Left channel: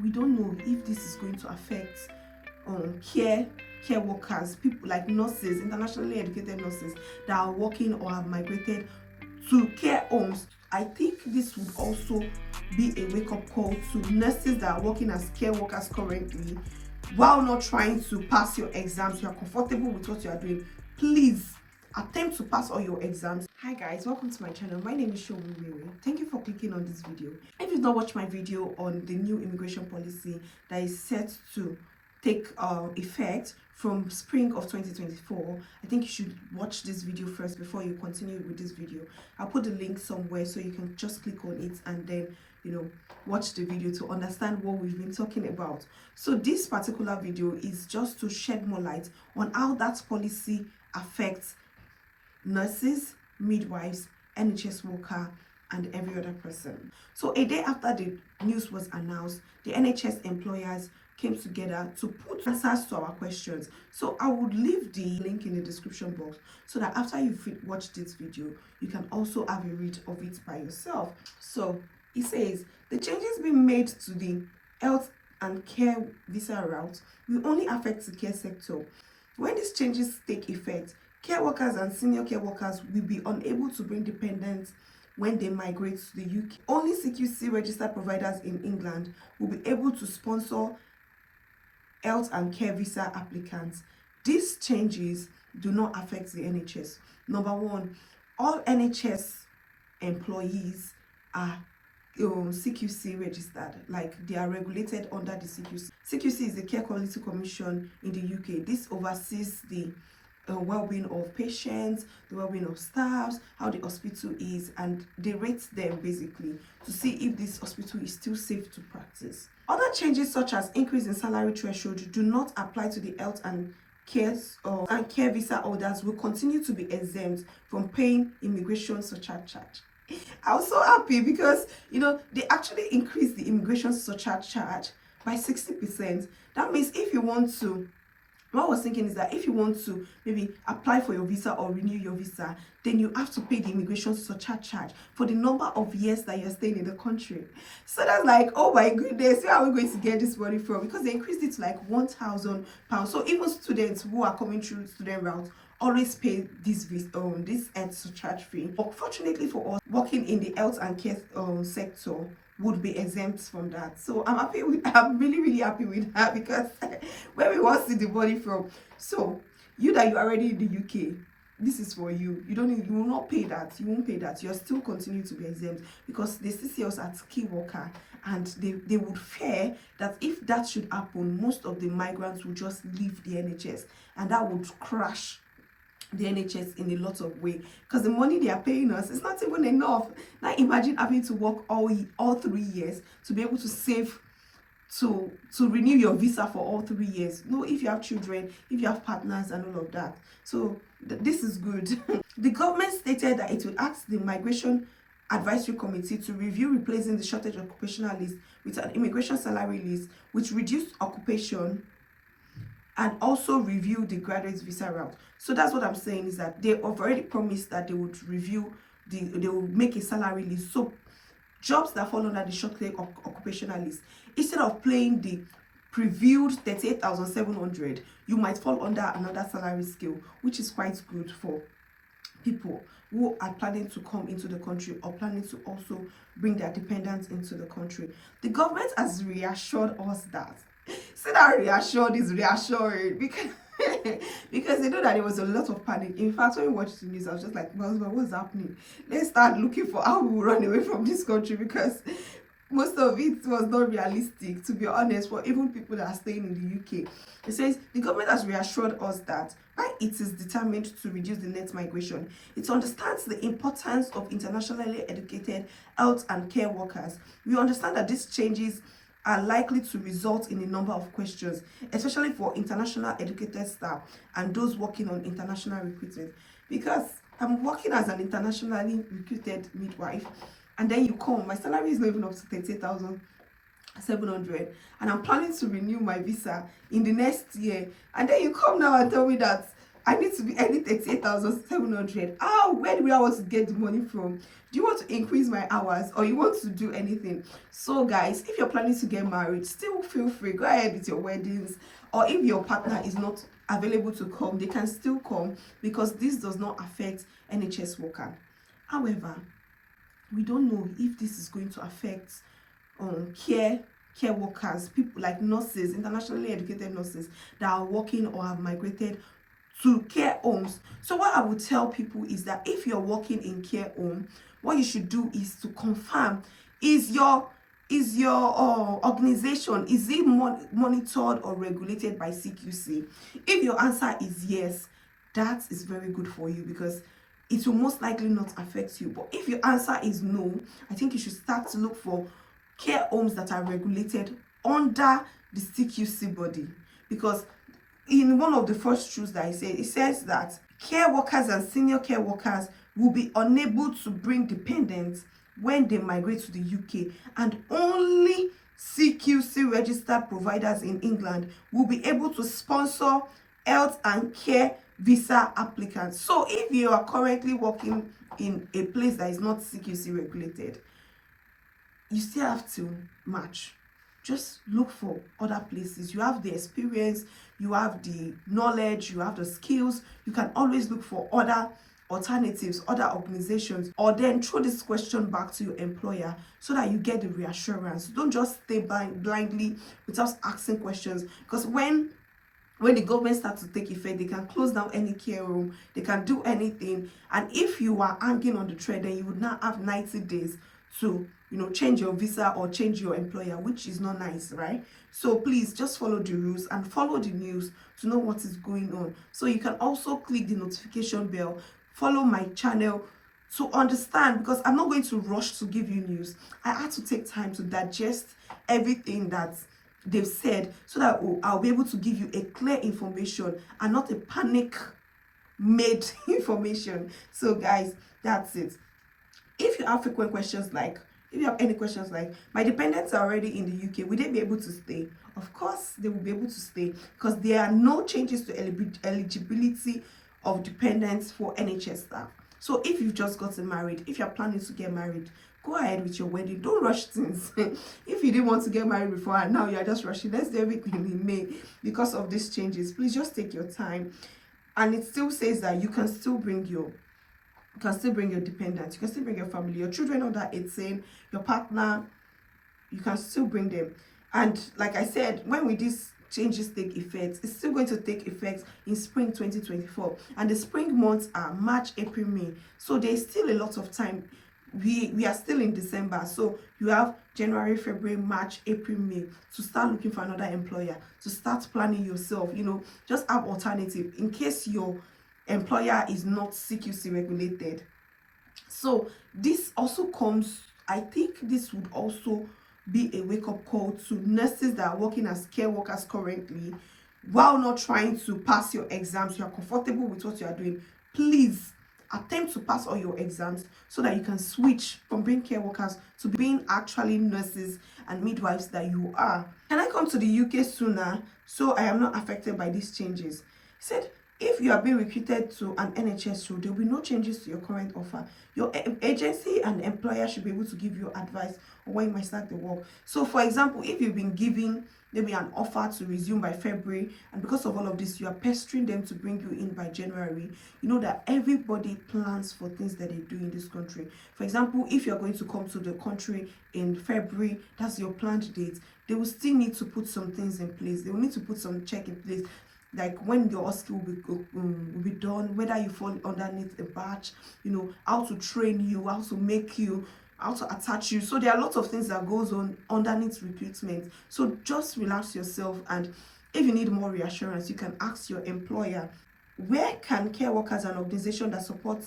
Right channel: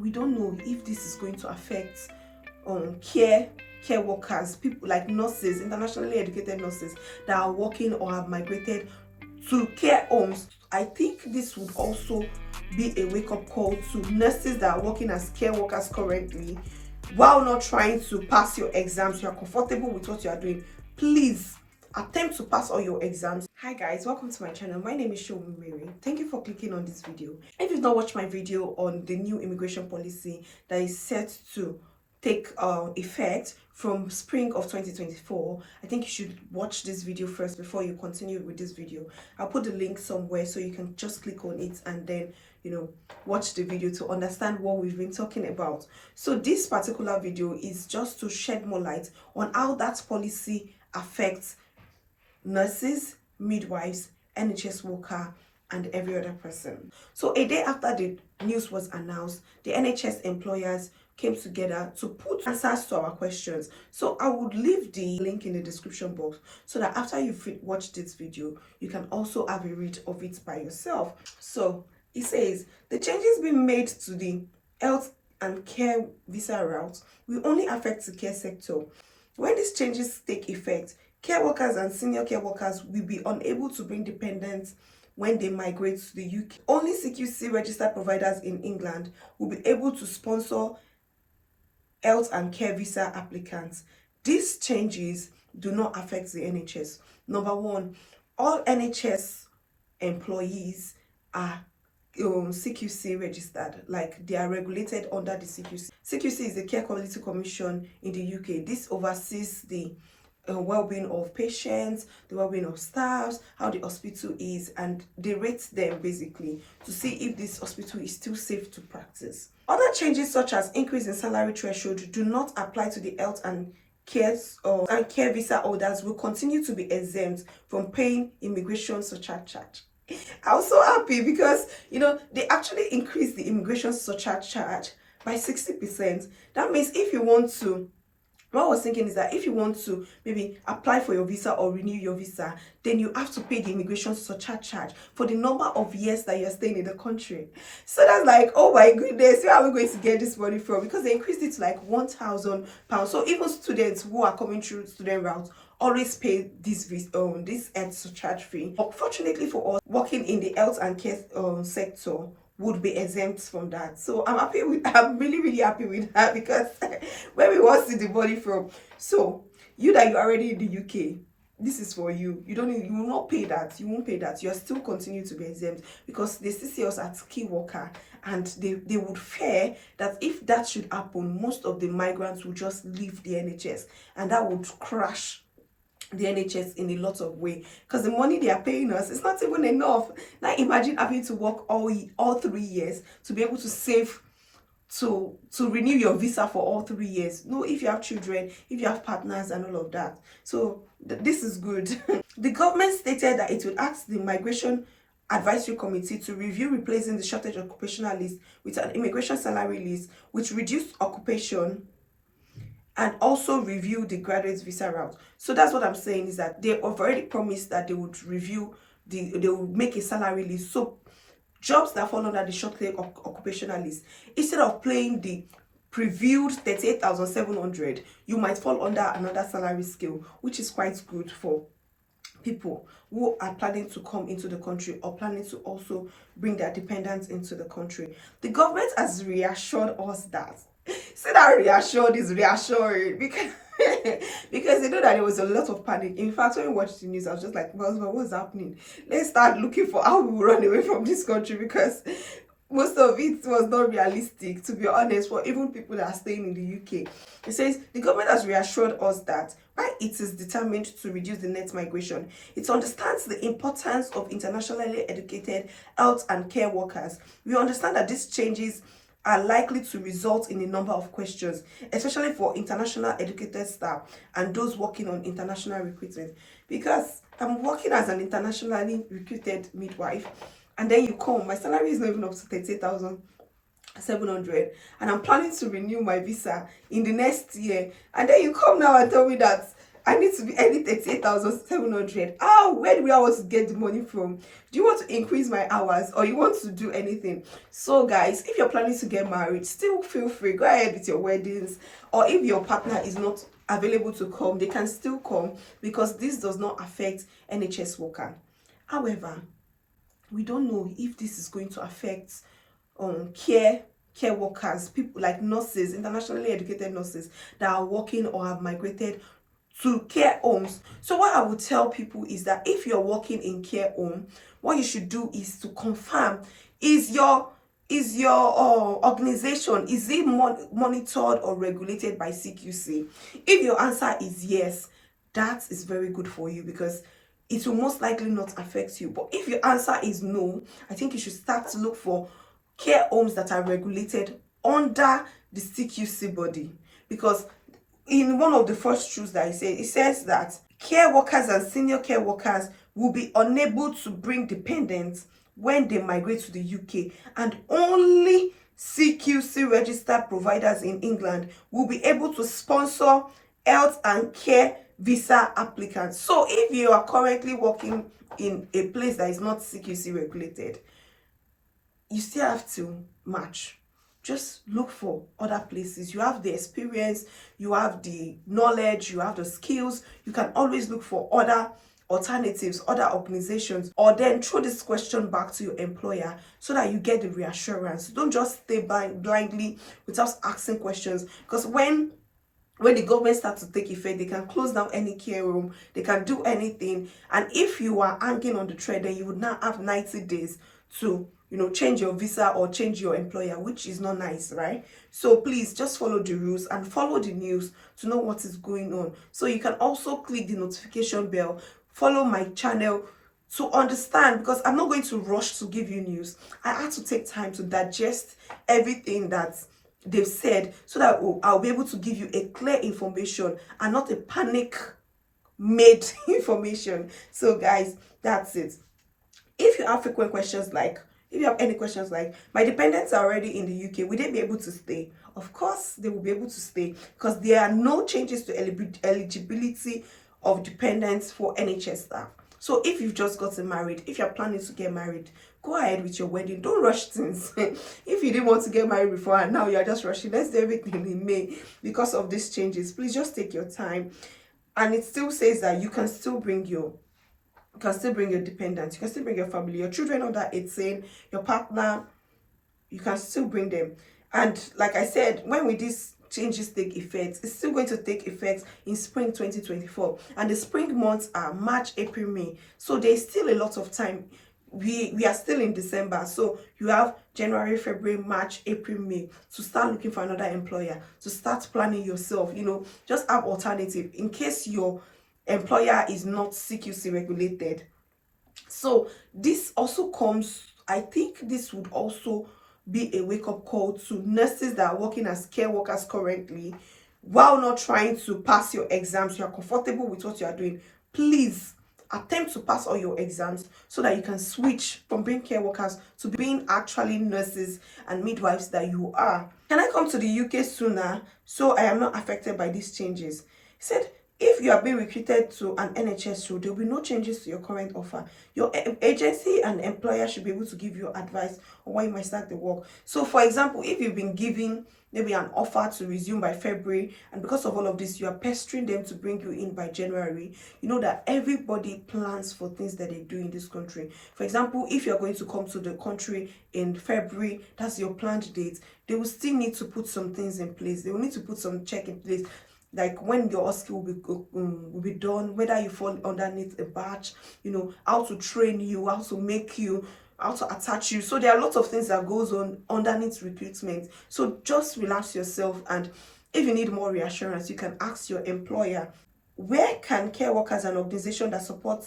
we don't know if this is going to affect care workers, people like nurses, internationally educated nurses that are working or have migrated to care homes. I think this would also be a wake-up call to nurses that are working as care workers currently. While not trying to pass your exams, you are comfortable with what you are doing, please attempt to pass all your exams. Hi guys, welcome to my channel. My name is Showumiri. Thank you for clicking on this video. If you've not watched my video on the new immigration policy that is set to take effect from spring of 2024, I think you should watch this video first before you continue with this video. I'll put the link somewhere so you can just click on it and then watch the video to understand what we've been talking about. So this particular video is just to shed more light on how that policy affects nurses, midwives, NHS worker, and every other person. So a day after the news was announced, the NHS employers came together to put answers to our questions. So I would leave the link in the description box so that after you've watched this video, you can also have a read of it by yourself. So it says the changes being made to the health and care visa route will only affect the care sector. When these changes take effect, care workers and senior care workers will be unable to bring dependents when they migrate to the UK. Only CQC registered providers in England will be able to sponsor health and care visa applicants. These changes do not affect the NHS. Number one, all NHS employees are CQC registered, like they are regulated under the CQC. CQC is the Care Quality Commission in the UK. This oversees the well-being of patients, the well-being of staffs, how the hospital is, and they rate them basically to see if this hospital is still safe to practice. Other changes such as increase in salary threshold do not apply to the health and care visa holders will continue to be exempt from paying immigration surcharge. I was so happy because they actually increased the immigration surcharge charge by 60%. That means if you want to, what I was thinking is that if you want to maybe apply for your visa or renew your visa, then you have to pay the immigration surcharge charge for the number of years that you're staying in the country. So that's like, oh my goodness, where are we going to get this money from? Because they increased it to like £1,000. So even students who are coming through student route always pay this health surcharge fee. Unfortunately for us, working in the health and care sector would be exempt from that. So I'm really happy with that, because where we want to see the money from. So you're already in the UK, this is for you. You will not pay that. You won't pay that. You are still continue to be exempt, because they still see us as key worker, and they would fear that if that should happen, most of the migrants will just leave the NHS, and that would crash the NHS in a lot of way, because the money they are paying us is not even enough. Now imagine having to work all 3 years to be able to save to renew your visa for all 3 years. No, if you have children, if you have partners and all of that. So this is good. The government stated that it would ask the Migration Advisory Committee to review replacing the shortage occupational list with an immigration salary list which reduced occupation, and also review the graduate visa route. So that's what I'm saying, is that they have already promised that they would review they will make a salary list. So jobs that fall under the short-term occupational list, instead of paying the previewed 38,700, you might fall under another salary scale, which is quite good for people who are planning to come into the country or planning to also bring their dependents into the country. The government has reassured us that. So that reassured is reassuring, because because they know that there was a lot of panic. In fact, when we watched the news, I was just like, well, what's happening? Let's start looking for how we will run away from this country, because most of it was not realistic, to be honest, for even people that are staying in the UK. It says the government has reassured us that while it is determined to reduce the net migration, it understands the importance of internationally educated health and care workers. We understand that these changes are likely to result in a number of questions, especially for international educated staff and those working on international recruitment. Because I'm working as an internationally recruited midwife, and then you come, my salary is not even up to 38,700, and I'm planning to renew my visa in the next year, and then you come now and tell me that I need to be earning 38,700. Oh, where do I want to get the money from? Do you want to increase my hours, or you want to do anything? So guys, if you're planning to get married, still feel free, go ahead with your weddings. Or if your partner is not available to come, they can still come, because this does not affect NHS worker. However, we don't know if this is going to affect care workers, people like nurses, internationally educated nurses that are working or have migrated to care homes. So what I would tell people is that if you're working in care home, what you should do is to confirm, is your organization, is it monitored or regulated by CQC? If your answer is yes, that is very good for you, because it will most likely not affect you. But if your answer is no, I think you should start to look for care homes that are regulated under the CQC body, because in one of the first truths that it says that care workers and senior care workers will be unable to bring dependents when they migrate to the UK, and only CQC registered providers in England will be able to sponsor health and care visa applicants. So if you are currently working in a place that is not CQC regulated, you still have to match. Just look for other places. You have the experience, you have the knowledge, you have the skills. You can always look for other alternatives, other organizations, or then throw this question back to your employer so that you get the reassurance. Don't just stay blindly without asking questions, because when the government starts to take effect, they can close down any care room, they can do anything. And if you are hanging on the thread, then you would now have 90 days to change your visa or change your employer, which is not nice, right? So please just follow the rules and follow the news to know what is going on. So you can also click the notification bell, follow my channel to understand, because I'm not going to rush to give you news. I had to take time to digest everything that they've said, so that I'll be able to give you a clear information and not a panic made information. So guys, that's it. If you have frequent questions, like if you have any questions like, my dependents are already in the UK, will they be able to stay? Of course they will be able to stay, because there are no changes to eligibility of dependents for NHS staff. So if you've just gotten married, if you're planning to get married, go ahead with your wedding. Don't rush things. If you didn't want to get married before and now you're just rushing, let's do everything in May because of these changes. Please just take your time. And it still says that you can still bring your dependents, you can still bring your family, your children under 18, your partner, you can still bring them. And like I said, when these changes take effect, it's still going to take effect in spring 2024, and the spring months are March, April, May. So there's still a lot of time. We are still in December, so you have January, February, March, April, May to start looking for another employer, to start planning yourself. Just have alternative in case your employer is not CQC regulated. So this also comes, I think this would also be a wake-up call to nurses that are working as care workers currently, while not trying to pass your exams. You are comfortable with what you are doing, please attempt to pass all your exams so that you can switch from being care workers to being actually nurses and midwives that you are. Can I come to the UK sooner so I am not affected by these changes? He said, if you are being recruited to an NHS role, there will be no changes to your current offer. Your agency and employer should be able to give you advice on when you might start the work. So for example, if you've been given maybe an offer to resume by February, and because of all of this, you are pestering them to bring you in by January, you know that everybody plans for things that they do in this country. For example, if you're going to come to the country in February, that's your planned date, they will still need to put some things in place. They will need to put some check in place, like when your skill will be done, whether you fall underneath a batch, how to train you, how to make you, how to attach you. So there are lots of things that goes on underneath recruitment. So just relax yourself, and if you need more reassurance, you can ask your employer, where can care workers and organizations that support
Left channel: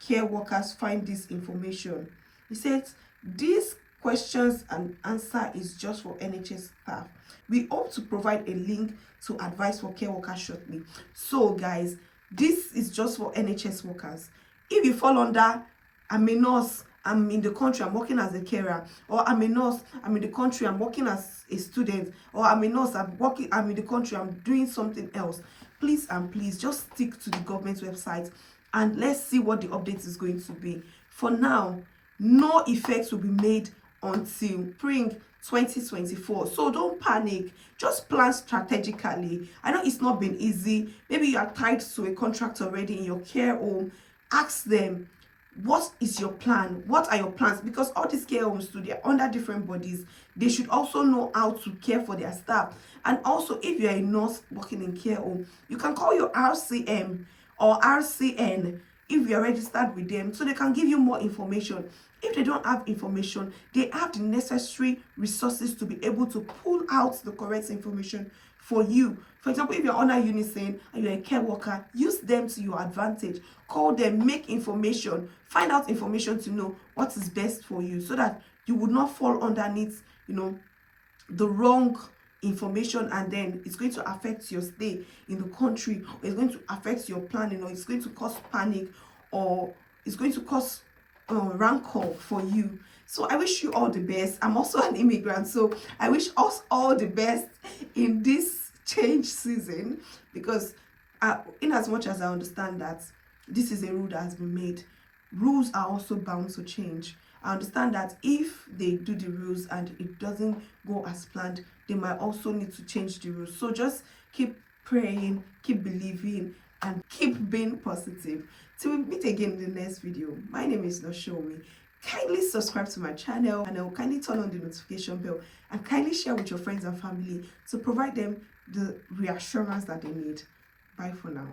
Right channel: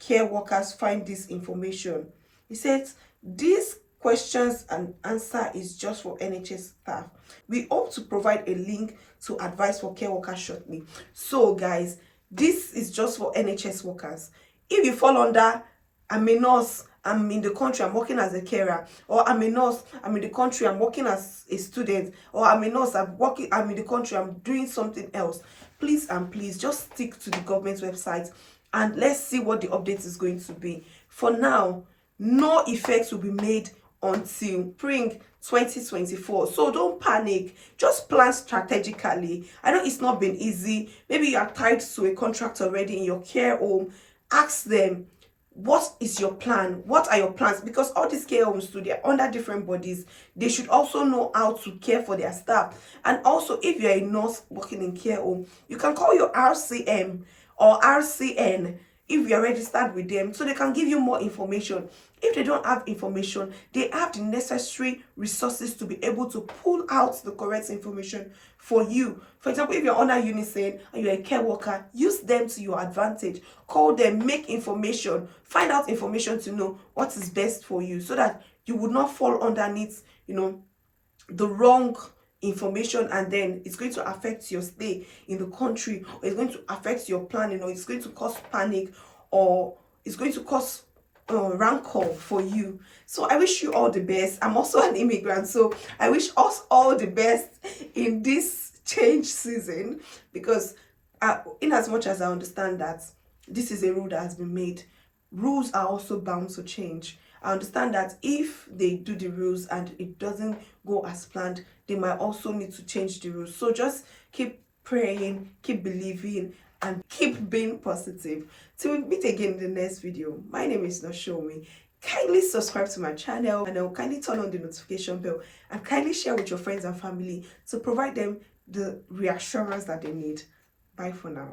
care workers find this information? He says these questions and answer is just for NHS staff. We hope to provide a link to advice for care workers shortly. So guys, this is just for NHS workers. If you fall under, I'm a nurse, I'm in the country, I'm working as a carer, or I'm a nurse, I'm in the country, I'm working as a student, or I'm a nurse, I'm in the country, I'm doing something else. Please and please just stick to the government website and let's see what the update is going to be. For now, no effects will be made until spring 2024. So don't panic, just plan strategically. I know it's not been easy. Maybe you are tied to a contract already in your care home. Ask them, what is your plan? What are your plans? Because all these care homes too, they're under different bodies. They should also know how to care for their staff. And also, if you're a nurse working in care home, you can call your RCM or RCN if you're registered with them, so they can give you more information. If they don't have information, they have the necessary resources to be able to pull out the correct information for you. For example, if you're under Unison and you're a care worker, use them to your advantage. Call them, make information, find out information to know what is best for you, so that you would not fall underneath, the wrong information, and then it's going to affect your stay in the country, or it's going to affect your planning, or it's going to cause panic, or it's going to cause rancor for you. So I wish you all the best. I'm also an immigrant, so I wish us all the best in this change season, because in as much as I understand that this is a rule that has been made, rules are also bound to change. I understand that if they do the rules and it doesn't go as planned, they might also need to change the rules. So just keep praying, keep believing, and keep being positive. Till we meet again in the next video. My name is Noshomi. Kindly subscribe to my channel, and kindly turn on the notification bell, and kindly share with your friends and family to provide them the reassurance that they need. Bye for now.